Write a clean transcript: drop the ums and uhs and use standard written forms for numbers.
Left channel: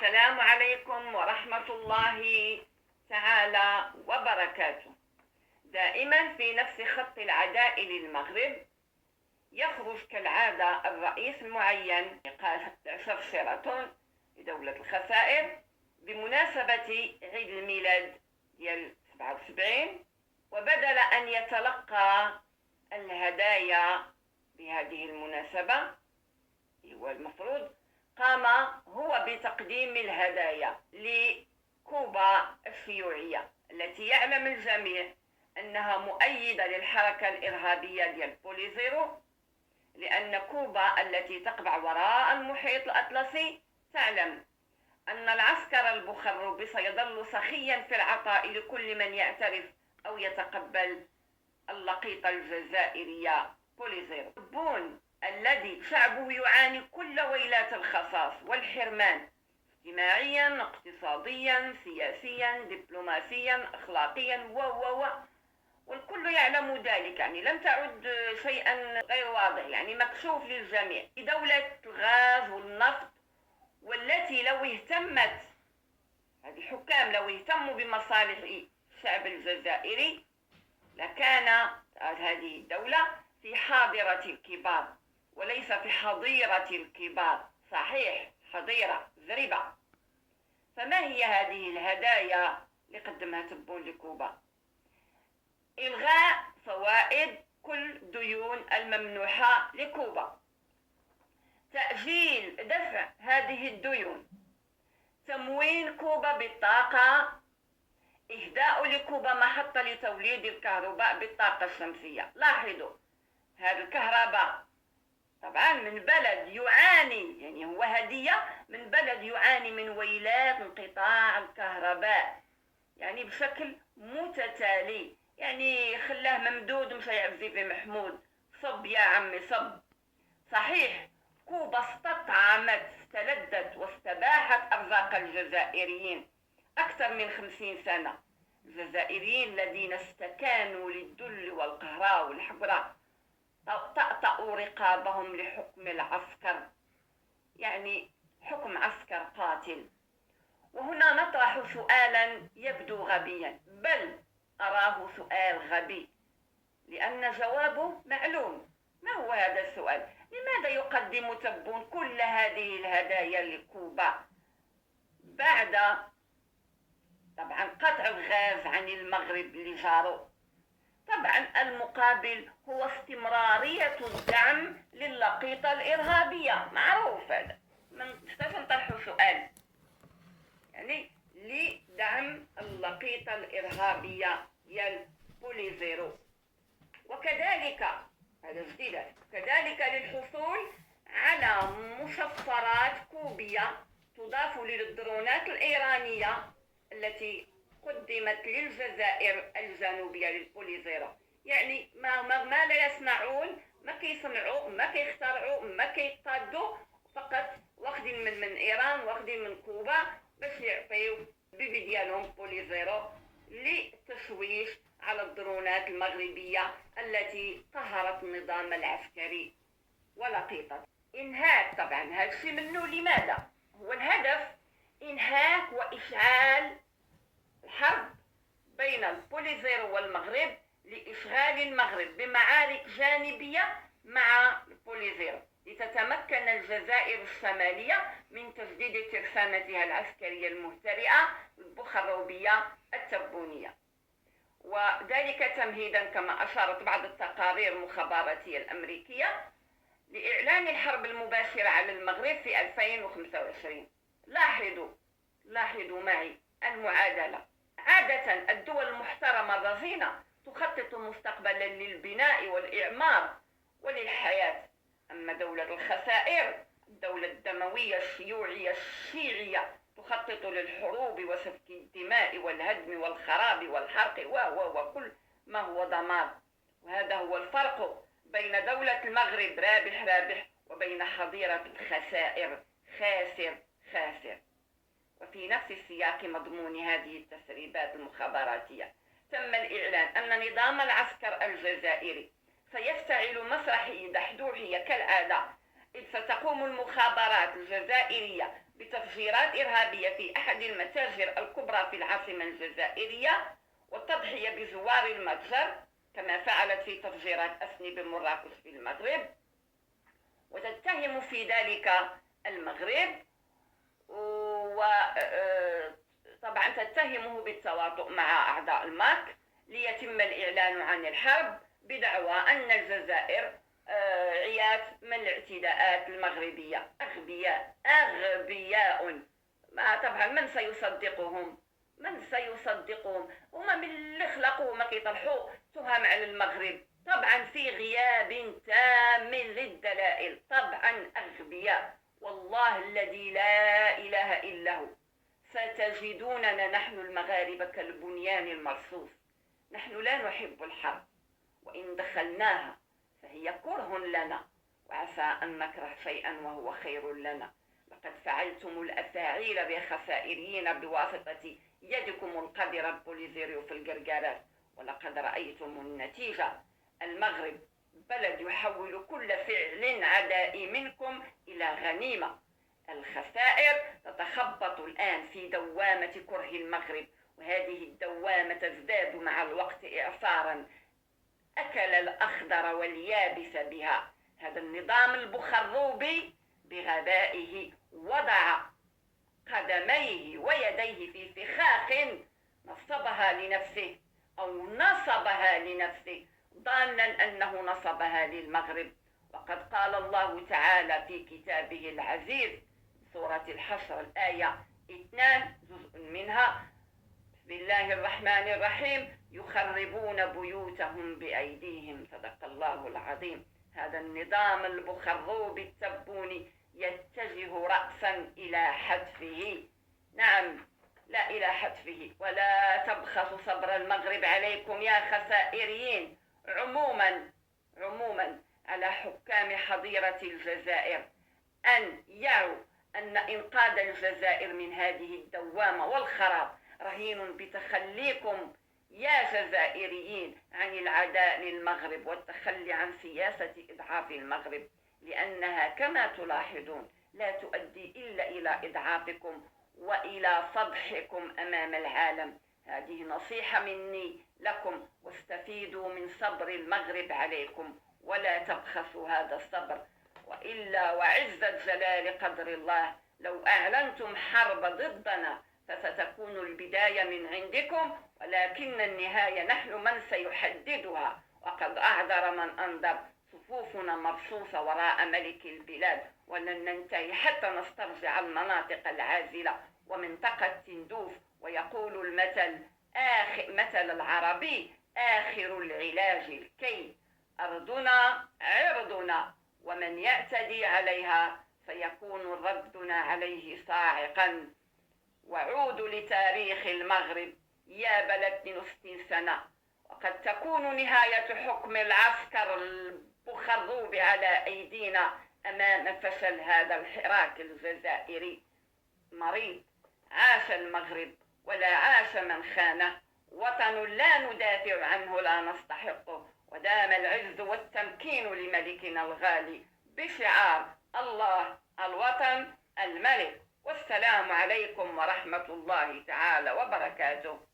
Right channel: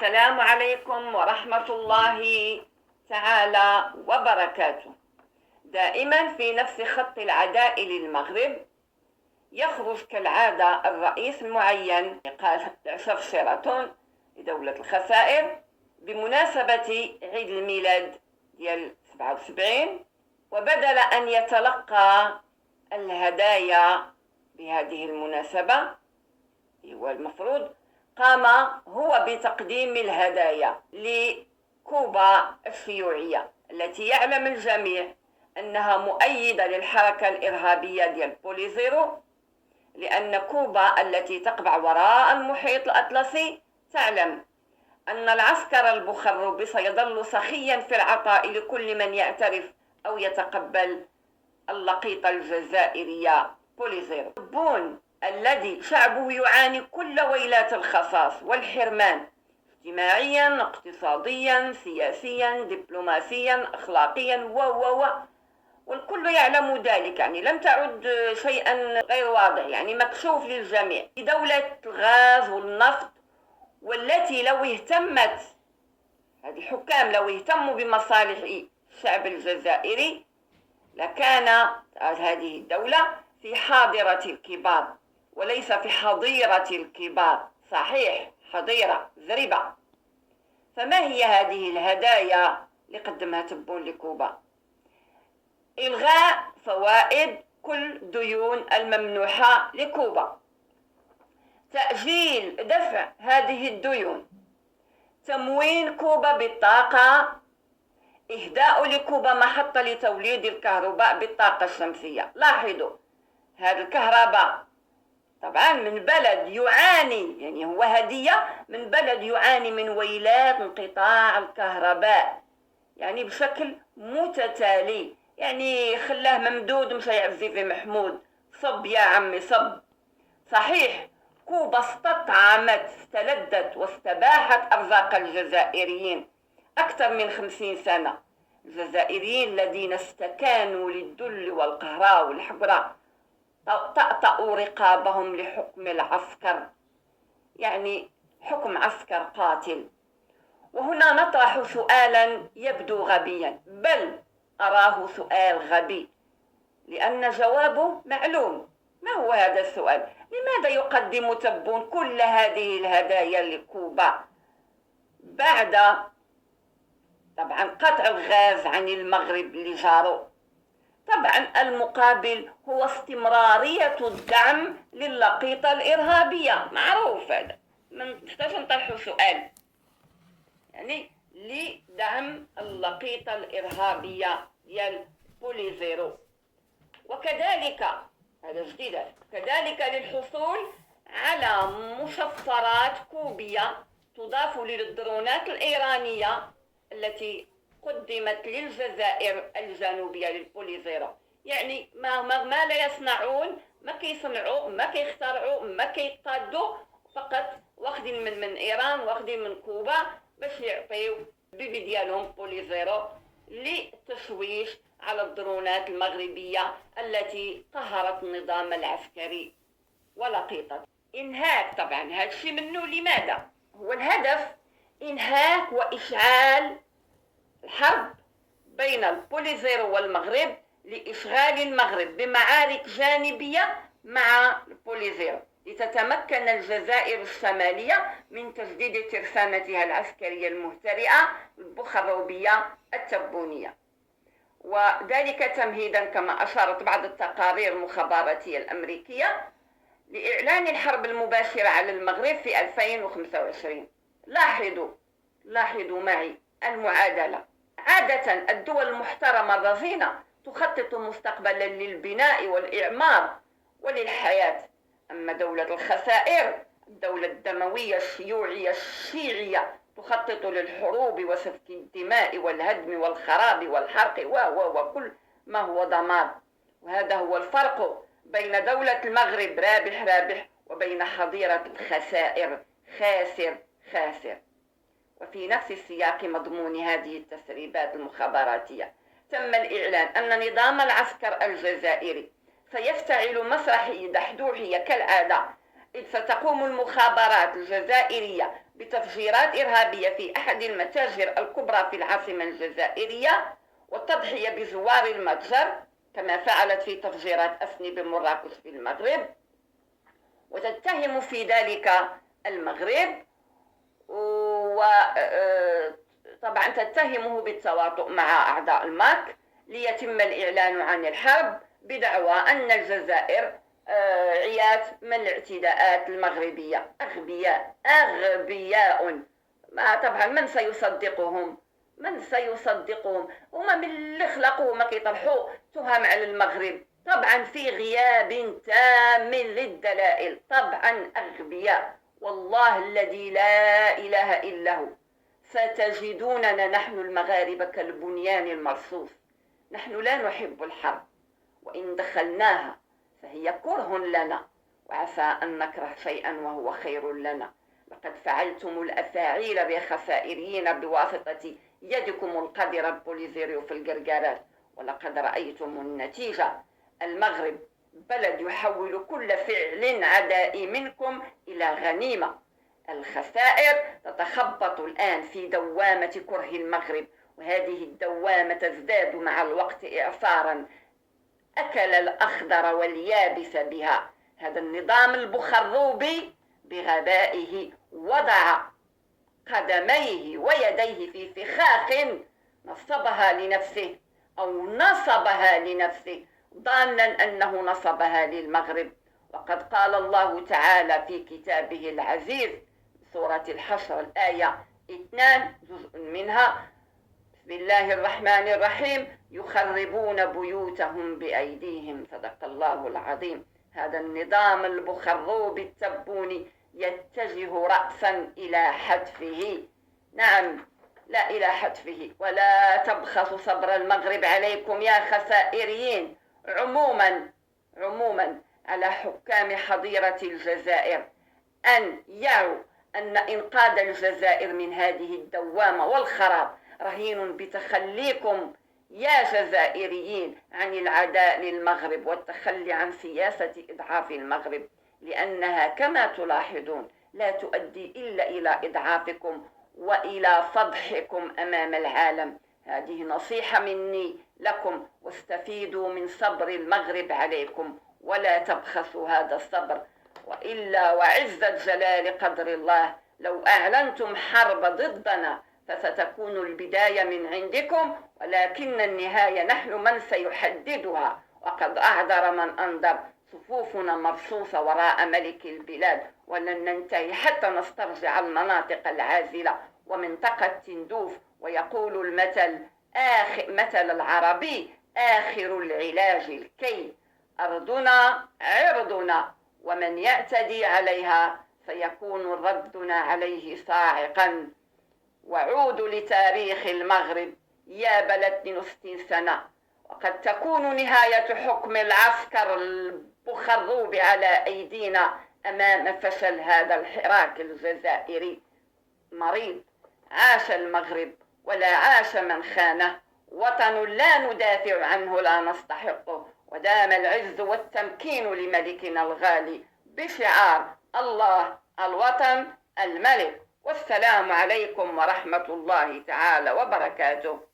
السلام عليكم ورحمة الله تعالى وبركاته. دائما في نفس خط العداء للمغرب يخرج كالعادة الرئيس المعين قال عشر شيراتون لدولة الخسائر بمناسبة عيد الميلاد ديال 77، وبدل أن يتلقى الهدايا بهذه المناسبة هو المفروض قام هو بتقديم الهدايا لكوبا الشيوعية التي يعلم الجميع أنها مؤيدة للحركة الإرهابية ديال بوليزيرو، لأن كوبا التي تقبع وراء المحيط الأطلسي تعلم أن العسكر البخربي سيظل سخيا في العطاء لكل من يعترف أو يتقبل اللقيطة الجزائرية بوليزيرو. البون الذي شعبه يعاني كل ويلات الخصاص والحرمان اجتماعيا، اقتصاديا، سياسيا، دبلوماسيا، أخلاقيا والكل يعلم ذلك، يعني لم تعد شيئا غير واضح، يعني مكشوف للجميع. دولة الغاز والنفط، والتي لو اهتمت هذه الحكام لو اهتموا بمصالح الشعب الجزائري لكان هذه الدولة في حاضرة الكبار وليس في حظيرة الكبار. صحيح حظيرة زربة. فما هي هذه الهدايا اللي قدمها تبون لكوبا؟ إلغاء فوائد كل ديون الممنوحة لكوبا، تأجيل دفع هذه الديون، تموين كوبا بالطاقة، إهداء لكوبا محطة لتوليد الكهرباء بالطاقة الشمسية. لاحظوا هذه الكهرباء طبعا من بلد يعاني، يعني هو هدية من بلد يعاني من ويلات انقطاع الكهرباء يعني بشكل متتالي، يعني خلاه ممدود مشى يعزي في محمود. صب يا عمي صب. صحيح كوبا استطعمت استلذت واستباحت أرزاق الجزائريين أكثر من 50 سنة. الجزائريين الذين استكانوا للذل والقهر والحقرة طأطأوا رقابهم لحكم العسكر، يعني حكم عسكر قاتل. وهنا نطرح سؤالا يبدو غبيا، بل أراه سؤال غبي لأن جوابه معلوم. ما هو هذا السؤال؟ لماذا يقدم تبون كل هذه الهدايا لكوبا بعد طبعا قطع الغاز عن المغرب لجاره؟ طبعا المقابل هو استمرارية الدعم للقيطة الإرهابية، معروف هذا، ما نحتاج نطرحوا سؤال، يعني لدعم اللقيطة الإرهابية ديال بوليزيرو. وكذلك هذا جديد، كذلك للحصول على مشفرات كوبية تضاف للدرونات الإيرانية التي قدمت للجزائر الجنوبية للبوليزيرو. يعني ما لا يصنعون، ما كيصنعوا، ما كيخترعوا، ما كيقادوا، فقط واخدين من إيران، واخدين من كوبا باش يعطيو بيبي ديالهم بوليزيرو للتشويش على الدرونات المغربية التي قهرت النظام العسكري ولقيطته. إنهاك طبعا هذا الشيء منه لماذا؟ هو الهدف إنهاك وإشعال الحرب بين البوليزيرو والمغرب لإشغال المغرب بمعارك جانبية مع البوليزيرو لتتمكن الجزائر الشمالية من تجديد ترسانتها العسكرية المهترئة البخربية التبونية، وذلك تمهيدا كما أشارت بعض التقارير المخابراتية الأمريكية لإعلان الحرب المباشرة على المغرب في 2025. لاحظوا معي المعادلة. عادة الدول المحترمة الرزينة تخطط مستقبلا للبناء والإعمار وللحياة، أما دولة الخسائر الدولة الدموية الشيوعية الشيعية تخطط للحروب وسفك الدماء والهدم والخراب والحرق وكل ما هو دمار. وهذا هو الفرق بين دولة المغرب رابح وبين حظيرة الخسائر خاسر. وفي نفس السياق مضمون هذه التسريبات المخابراتية تم الإعلان أن نظام العسكر الجزائري سيفتعل مسرحية دحدوحية كالعادة إذ ستقوم المخابرات الجزائرية بتفجيرات إرهابية في أحد المتاجر الكبرى في العاصمة الجزائرية والتضحية بزوار المتجر كما فعلت في تفجيرات أسني بمراكش في المغرب، وتتهم في ذلك المغرب، وطبعا تتهمه بالتواطؤ مع أعضاء الماك ليتم الإعلان عن الحرب بدعوى أن الجزائر عيات من الاعتداءات المغربية. أغبياء. طبعا من سيصدقهم؟ هما من اللي خلقوا ما كيطرحوا تهم على المغرب، طبعا في غياب تام للدلائل، طبعا أغبياء. والله الذي لا إله إلا هو ستجدوننا نحن المغاربة كالبنيان المرصوص. نحن لا نحب الحرب، وإن دخلناها فهي كره لنا، وعسى أن نكره شيئا وهو خير لنا. لقد فعلتم الأفاعيل بخسائريين بواسطة يدكم القذرة بوليزيريو في القرقارات، ولقد رأيتم النتيجة. المغرب بلد يحول كل فعل عدائي منكم إلى غنيمة. الخسائر تتخبط الآن في دوامة كره المغرب، وهذه الدوامة تزداد مع الوقت إعصارا. أكل الأخضر واليابس بها. هذا النظام البخروبي بغبائه وضع قدميه ويديه في فخاخ نصبها لنفسه ظانا أنه نصبها للمغرب. وقد قال الله تعالى في كتابه العزيز سورة الحشر الآية 2 جزء منها: بسم الله الرحمن الرحيم: يخربون بيوتهم بأيديهم. صدق الله العظيم. هذا النظام البخروبي التبوني يتجه رأسا إلى حتفه. نعم، لا إلى حتفه. ولا تبخسوا صبر المغرب عليكم يا خسائريين. عموما على حكام حضيرة الجزائر أن يعوا أن إنقاذ الجزائر من هذه الدوامة والخراب رهين بتخليكم يا جزائريين عن العداء للمغرب والتخلي عن سياسة إضعاف المغرب، لأنها كما تلاحظون لا تؤدي إلا إلى إضعافكم وإلى فضحكم أمام العالم. هذه نصيحة مني لكم، واستفيدوا من صبر المغرب عليكم ولا تبخسوا هذا الصبر، وإلا وعزة جلال قدر الله لو أعلنتم حرب ضدنا فستكون البداية من عندكم، ولكن النهاية نحن من سيحددها. وقد أعذر من أنذر. صفوفنا مرصوصة وراء ملك البلاد، ولن ننتهي حتى نسترجع المناطق العازلة ومنطقة تندوف. ويقول مثل العربي: آخر العلاج الكي. أرضنا عرضنا، ومن يعتدي عليها سيكون ردنا عليه صاعقا. وعودوا لتاريخ المغرب يا بلد 62 سنة، وقد تكون نهاية حكم العسكر البخروب على أيدينا أمام فشل هذا الحراك الجزائري مريض. عاش المغرب ولا عاش من خانه. وطن لا ندافع عنه لا نستحقه. ودام العز والتمكين لملكنا الغالي بشعار الله الوطن الملك. والسلام عليكم ورحمة الله تعالى وبركاته.